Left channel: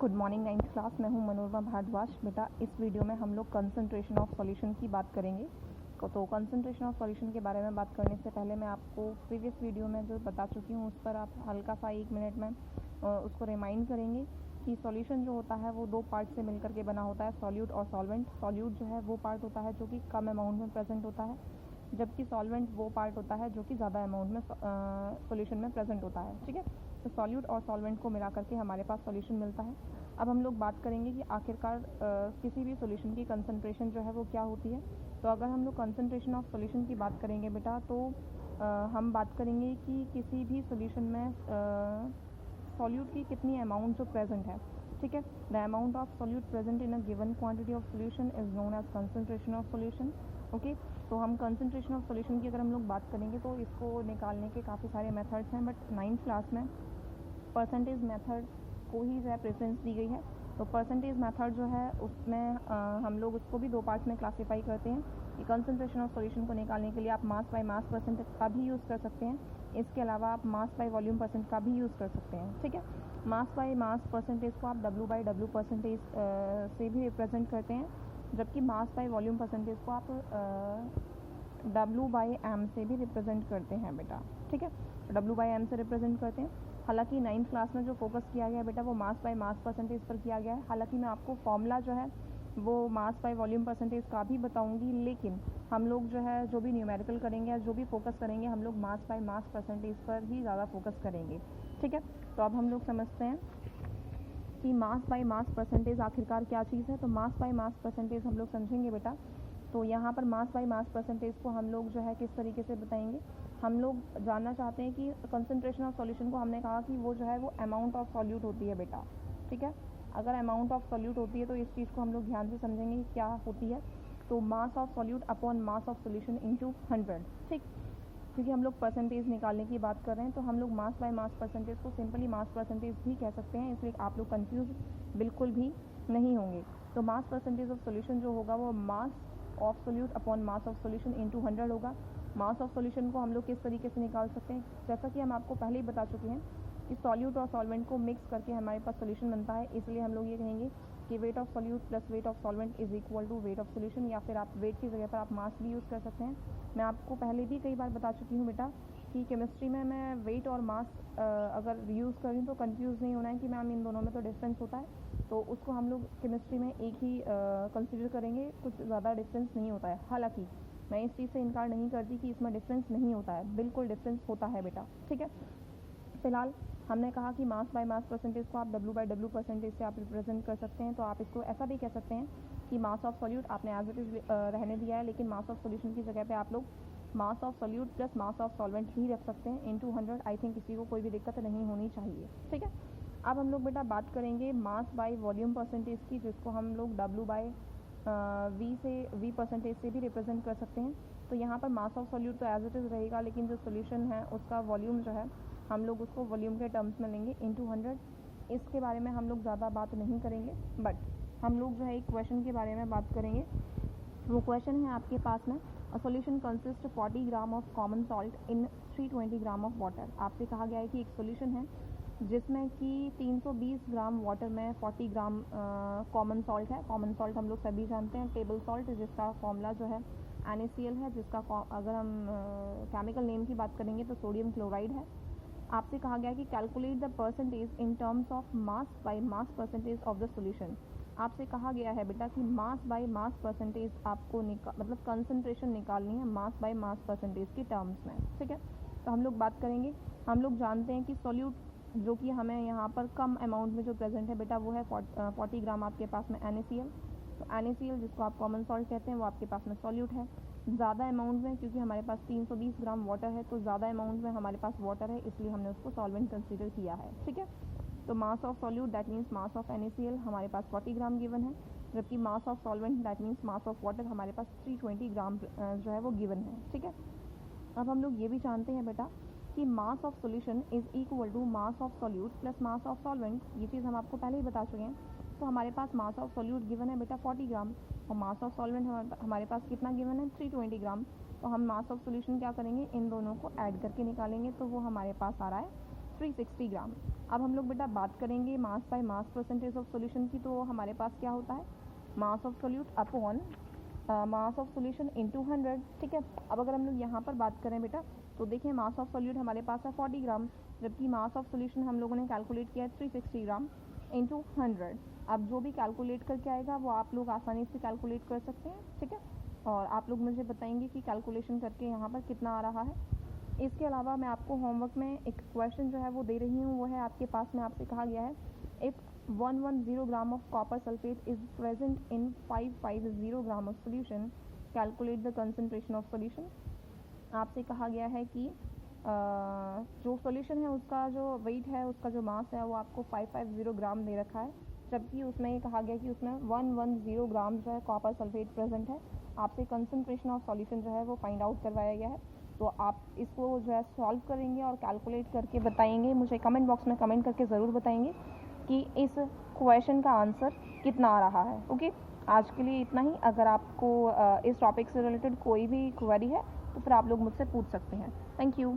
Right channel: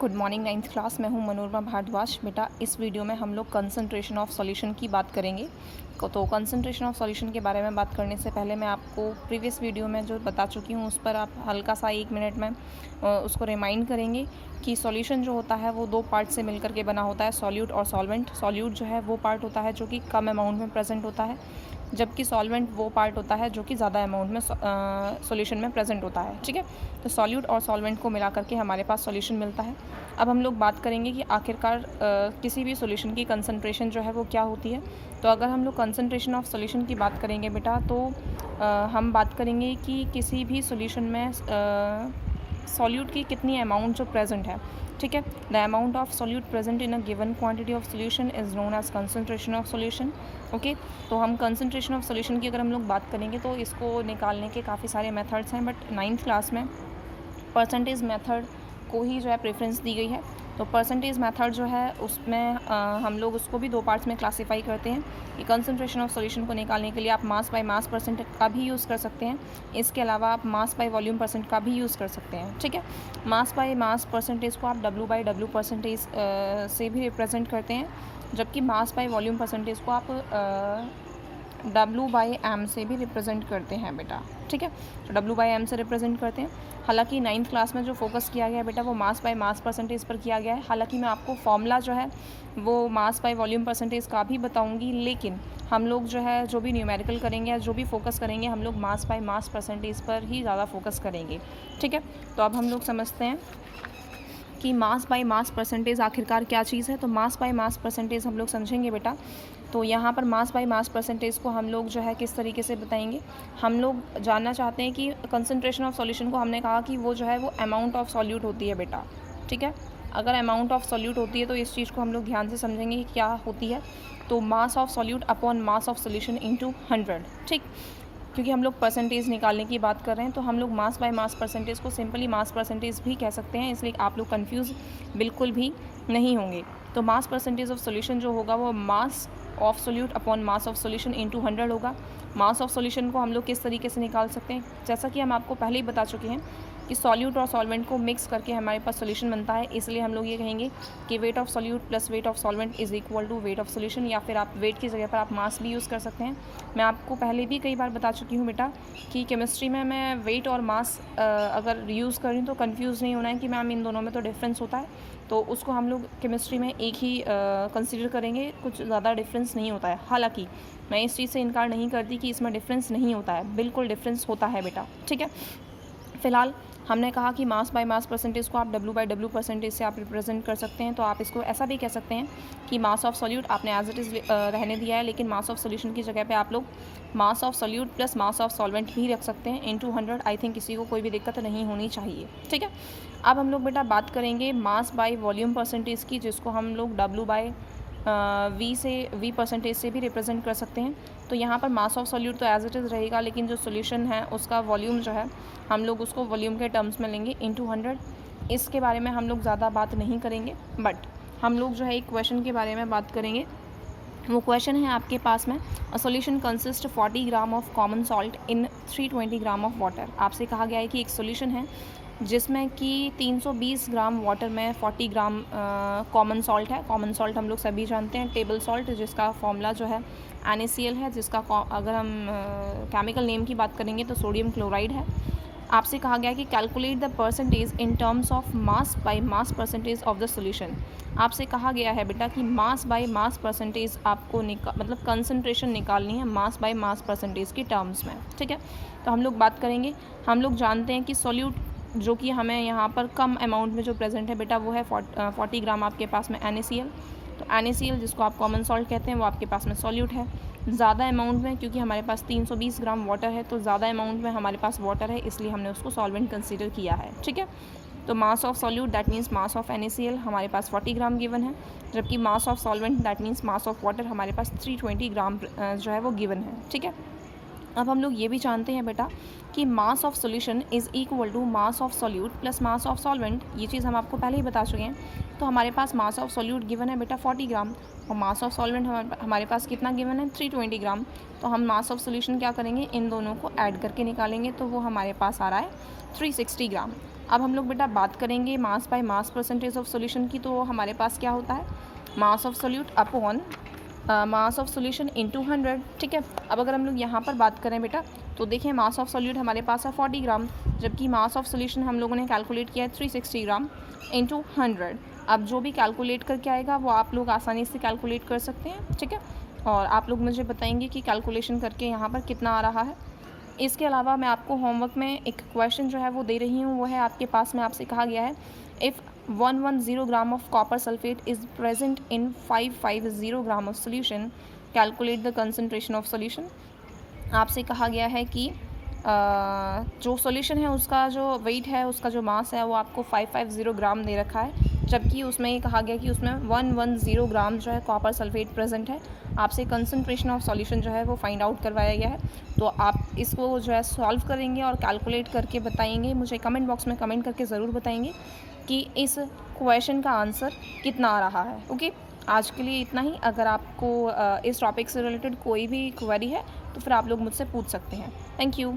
Good morning ninth class. मैं हूं मनोरमा भारद्वाज। बेटा इस वीडियो में हम लोग कंसंट्रेशन ऑफ सॉल्यूशन की बात करेंगे। तो कंसंट्रेशन ऑफ सॉल्यूशन के बारे में बात करने से पहले मैं आपको प्रीवियस वीडियो में जो बता चुकी हूं उस पर आप हल्का सा 1 मिनट में उसको रिमाइंड करेंगे कि सॉल्यूशन जो होता है वो 2 पार्ट से मिलकर के बना होता है, सॉल्यूट और सॉल्वेंट। सॉल्यूट जो है वो पार्ट होता है जो कि कम अमाउंट में प्रेजेंट होता है, जबकि सॉल्वेंट वो पार्ट होता है जो कि ज़्यादा अमाउंट में सॉल्यूशन में प्रेजेंट होता है। ठीक है, तो सॉल्यूट और सॉल्वेंट को मिला करके हमारे पास सॉल्यूशन मिलता है। अब हम लोग बात करेंगे कि आखिरकार किसी भी सॉल्यूशन की कंसंट्रेशन जो है वो क्या होती है। तो अगर हम लोग कंसंट्रेशन ऑफ सॉल्यूशन की बात करेंगे बेटा, तो हम बात करेंगे कि किसी भी सॉल्यूशन में सॉल्यूट की कितनी अमाउंट जो प्रेजेंट है। ठीक है, the amount of solute present in a given quantity of solution is known as concentration of solution. Okay, तो हम कंसंट्रेशन ऑफ सॉल्यूशन की अगर हम लोग बात करेंगे तो इसको निकालने के काफ़ी सारे मेथड्स हैं, बट 9th क्लास में परसेंटेज मेथड को ही जो है प्रेफरेंस दी गई है। तो परसेंटेज मेथड जो है उसमें हम लोग उसको भी 2 पार्ट्स में क्लासीफाई करते हैं कि कंसंट्रेशन ऑफ सॉल्यूशन को निकालने के लिए आप मास बाय मास परसेंट का भी यूज़ कर सकते हैं। इसके अलावा आप मास बाय वॉल्यूम परसेंट का भी यूज़ कर सकते हैं। ठीक है, मास बाय मास परसेंटेज को आप W बाय W परसेंटेज से भी रिप्रेजेंट करते हैं, जबकि मास बाय वॉल्यूम परसेंटेज को आप W बाई एम से भी रिप्रेजेंट करते हैं बेटा। ठीक है, तो W बाई एम से रिप्रेजेंट करते हैं। हालांकि 9th क्लास में जो फोकस किया गया है बेटा वो मास बाय मास परसेंटेज पर किया गया है। हालांकि मैं आपको फॉर्मूला जो है वो मास बाय वॉल्यूम परसेंटेज का भी बताऊंगी, लेकिन हम लोग जो है जो भी न्यूमेरिकल करेंगे या जो भी फोकस करेंगे हम लोग मास बाय मास परसेंटेज पर ही ज़्यादा फोकस करेंगे। ठीक है, तो अब हम लोग समझते हैं कि मास बाय मास परसेंटेज आखिरकार क्या चीज़ है। तो मास बाय मास परसेंटेज हम लोग समझेंगे बेटा। तो यहाँ पर मास बाय मास परसेंटेज को हम लोग जो है किस तरीके से बताएंगे। हम लोग जानना चाहते हैं कि कंसंट्रेशन ऑफ सॉल्यूशन को हमने कहा कि वो जो है वो अमाउंट ऑफ सॉल्यूट होती है बेटा। ठीक है, अगर अमाउंट ऑफ सॉल्यूट होती है तो इस चीज़ को हम लोग ध्यान से समझेंगे कि क्या होती है। तो मास of solute upon mass of solution into 100। ठीक, क्योंकि हम लोग परसेंटेज निकालने की बात कर रहे हैं तो हम लोग मास बाय मास परसेंटेज को सिंपली मास परसेंटेज भी कह सकते हैं, इसलिए आप लोग कंफ्यूज बिल्कुल भी नहीं होंगे। तो मास परसेंटेज ऑफ सॉल्यूशन जो होगा वो मास of solute upon mass of solution into 100 होगा। मास ऑफ सॉल्यूशन को हम लोग किस तरीके से निकाल सकते हैं, जैसा कि हम आपको पहले ही बता चुके हैं कि सॉल्यूट और सॉल्वेंट को मिक्स करके हमारे पास सॉल्यूशन बनता है। इसलिए हम लोग ये कहेंगे कि weight of solute plus weight of solvent is equal to weight of solution, या फिर आप वेट की जगह पर आप मास भी यूज़ कर सकते हैं। मैं आपको पहले भी कई बार बता चुकी हूँ बेटा कि केमिस्ट्री में मैं वेट और मास अगर यूज़ कर रही हूँ तो कन्फ्यूज़ नहीं होना है कि मैम इन दोनों में तो डिफरेंस होता है, तो उसको हम लोग केमिस्ट्री में एक ही कंसिडर करेंगे, कुछ ज़्यादा डिफरेंस नहीं होता है। हालांकि मैं इस चीज़ से इनकार नहीं करती कि इसमें डिफरेंस नहीं होता है, बिल्कुल डिफरेंस होता है बेटा। ठीक है, फ़िलहाल हमने कहा कि मास बाय मास परसेंटेज को आप W बाय W परसेंटेज से आप रिप्रेजेंट कर सकते हैं। तो आप इसको ऐसा भी कह सकते हैं कि मास ऑफ सॉल्यूट आपने एज इट इज़ रहने दिया है, लेकिन मास ऑफ सॉल्यूशन की जगह पे आप लोग मास of solute plus mass of solvent भी रख सकते हैं इंटू 100। आई थिंक किसी को कोई भी दिक्कत नहीं होनी चाहिए। ठीक है, अब हम लोग बेटा बात करेंगे मास बाय वॉल्यूम परसेंटेज की, जिसको हम लोग W बाय V परसेंटेज से भी रिप्रेजेंट कर सकते हैं। तो यहाँ पर मास ऑफ सॉल्यूट तो एज इट इज़ रहेगा, लेकिन जो सॉल्यूशन है उसका वॉल्यूम जो है हम लोग उसको वॉल्यूम के टर्म्स में लेंगे इंटू 100। इसके बारे में हम लोग ज़्यादा बात नहीं करेंगे, बट हम लोग जो है एक क्वेश्चन के बारे में बात करेंगे। वो क्वेश्चन है आपके पास में, a solution consist 40 gram of common salt in 320 gram of water. आपसे कहा गया है कि एक सॉल्यूशन है जिसमें कि 320 ग्राम वाटर में 40 ग्राम कॉमन सॉल्ट है। कॉमन सॉल्ट हम लोग सभी जानते हैं, टेबल सॉल्ट, जिसका फॉर्मूला जो है NaCl है, जिसका अगर हम केमिकल नेम की बात करेंगे तो सोडियम क्लोराइड है। आपसे कहा गया कि calculate the percentage in terms of mass by mass percentage of the solution. आपसे कहा गया है बेटा कि मास बाय मास परसेंटेज आपको मतलब कंसंट्रेशन निकालनी है मास बाय मास परसेंटेज के टर्म्स में। ठीक है, तो हम लोग बात करेंगे। हम लोग जानते हैं कि सॉल्यूट जो कि हमें यहाँ पर कम अमाउंट में जो प्रेजेंट है बेटा वो है 40 ग्राम आपके पास में NaCl। तो NaCl जिसको आप कॉमन सॉल्ट कहते हैं वो आपके पास में सॉल्यूट है। ज़्यादा अमाउंट में, क्योंकि हमारे पास 320 ग्राम वाटर है, तो ज़्यादा अमाउंट में हमारे पास वाटर है, इसलिए हमने उसको सॉल्वेंट कंसीडर किया है। ठीक है, तो मास of solute that means mass of NaCl हमारे पास 40 ग्राम गिवन है, जबकि मास of solvent that means mass of water हमारे पास 320 ग्राम जो है वो गिवन है। ठीक है, अब हम लोग ये भी जानते हैं बेटा कि mass of solution is equal to mass of solute plus mass of solvent. ये चीज़ हम आपको पहले ही बता चुके हैं। तो हमारे पास मास ऑफ सॉल्यूट गिवन है बेटा 40 ग्राम, और मास ऑफ सॉल्वेंट हमारे पास कितना गिवन है 320 ग्राम। तो हम मास ऑफ सॉल्यूशन क्या करेंगे, इन दोनों को ऐड करके निकालेंगे, तो वो हमारे पास आ रहा है 360 ग्राम। अब हम लोग बेटा बात करेंगे mass by mass percentage of solution की। तो हमारे पास क्या होता है, मास of solute upon mass of solution into 100। ठीक है, अब अगर हम लोग यहाँ पर बात करें बेटा, तो देखिए मास ऑफ सॉल्यूट हमारे पास है 40 ग्राम, जबकि मास ऑफ सॉल्यूशन हम लोगों ने कैलकुलेट किया है 360 ग्राम इंटू 100। अब जो भी कैलकुलेट करके आएगा वो आप लोग आसानी से कैलकुलेट कर सकते हैं। ठीक है, और आप लोग मुझे बताएंगे कि कैलकुलेशन करके यहाँ पर कितना आ रहा है। इसके अलावा मैं आपको होमवर्क में एक क्वेश्चन जो है वो दे रही हूँ, वो है आपके पास में आपसे कहा गया है, if 110 gram of copper sulphate is present in 550 gram of solution, calculate the concentration of solution. आपसे कहा गया है कि जो सॉल्यूशन है उसका जो वेट है, उसका जो मास है वो आपको 550 ग्राम दे रखा है, जबकि उसमें ये कहा गया कि उसमें 110 ग्राम जो है कॉपर सल्फेट प्रेजेंट है। आपसे कंसंट्रेशन ऑफ सॉल्यूशन जो है वो फाइंड आउट करवाया गया है। तो आप इसको जो है सॉल्व करेंगे और कैलकुलेट करके बताएंगे, मुझे कमेंट बॉक्स में कमेंट करके ज़रूर बताएंगे कि इस क्वेश्चन का आंसर कितना आ रहा है। ओके, आज के लिए इतना ही। अगर आपको इस टॉपिक से रिलेटेड कोई भी क्वेरी है तो फिर आप लोग मुझसे पूछ सकते हैं। Thank you.